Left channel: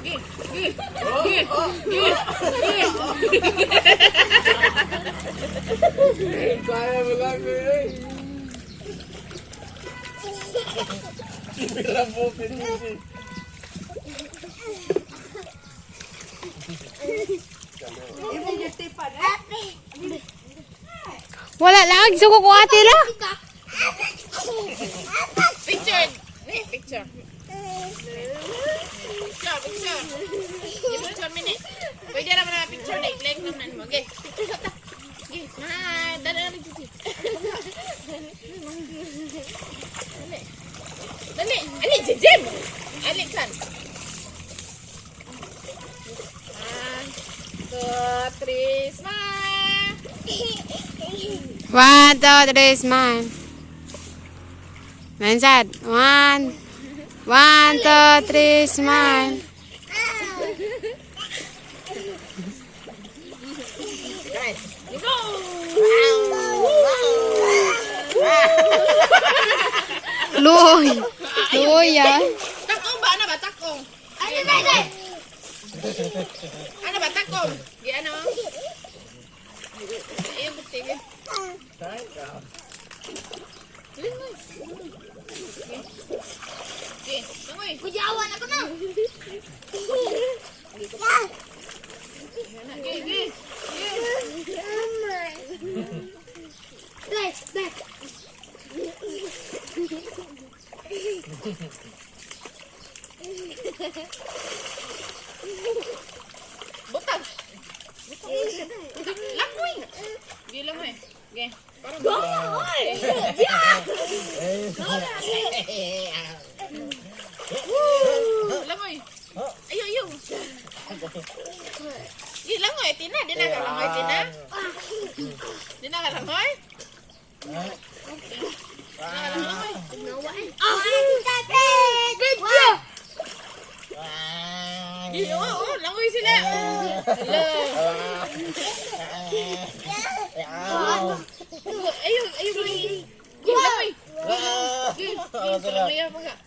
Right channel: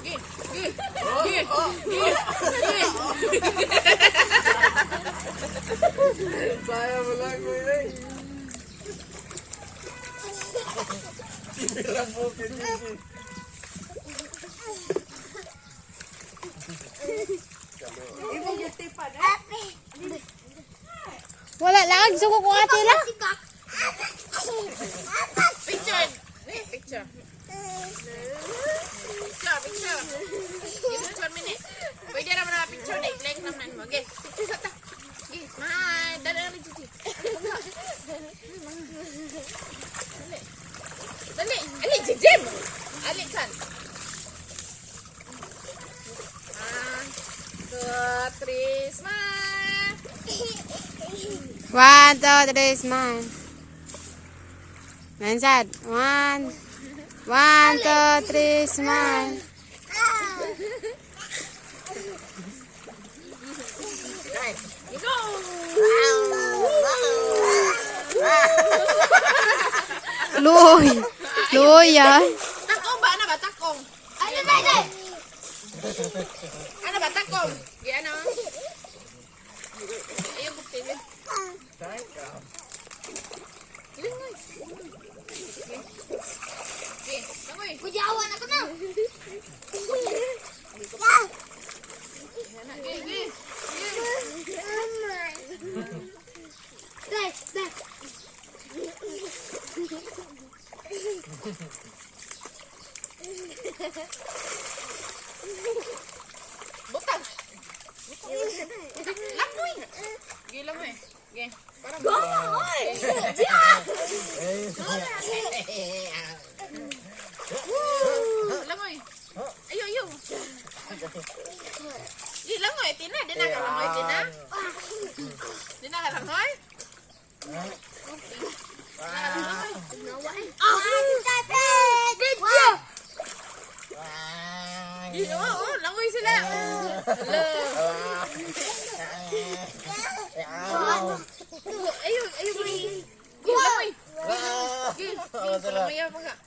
Saya bilang ini. Bilang mau ini. Wala lagi suko ko ate no. Picture. Picture. Picture. Give us 1 minute. Pwede naman na picture na i-link naman mo. Okay. Picture sa ta. Okay. Dala na picture. Dali. Ali, Jim. Ali kan. 1, 2, 3, smile. 1, 2, 3, smile. Mansad. 1, 2, 3, smile. Go. Luy. Luy ya. Takong ba? Ano ba? Takong. Ano ba? Takong. Ano? Ayun, bukti. Ilan mo? Okay. Tangoy. Kujawan ako na. Back. Butang. Lamoy. Gila mo eh. Okay. Go na, oy. Lamoy. Ayo. Gila mo eh. Tina. Di na ka lamoy, Tina. Di na ka lamoy. Langoy sila. Ayo. Langoy. Langoy apa enggak?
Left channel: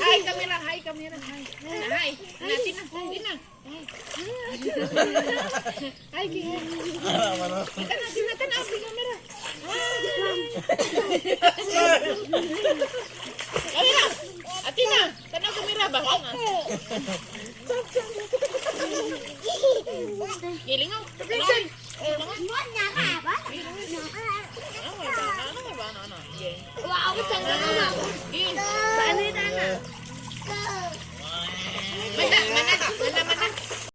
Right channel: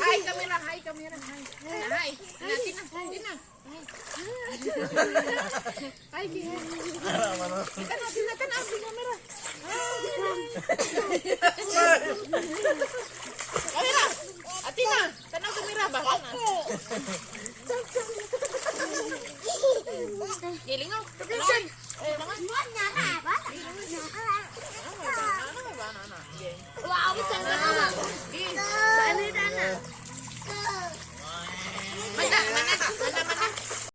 Hai kamera. Hai. Tina. Hai Tina. Tina kamera. Kamera. Atina, tanong kamera ba? Giling ako. Wow,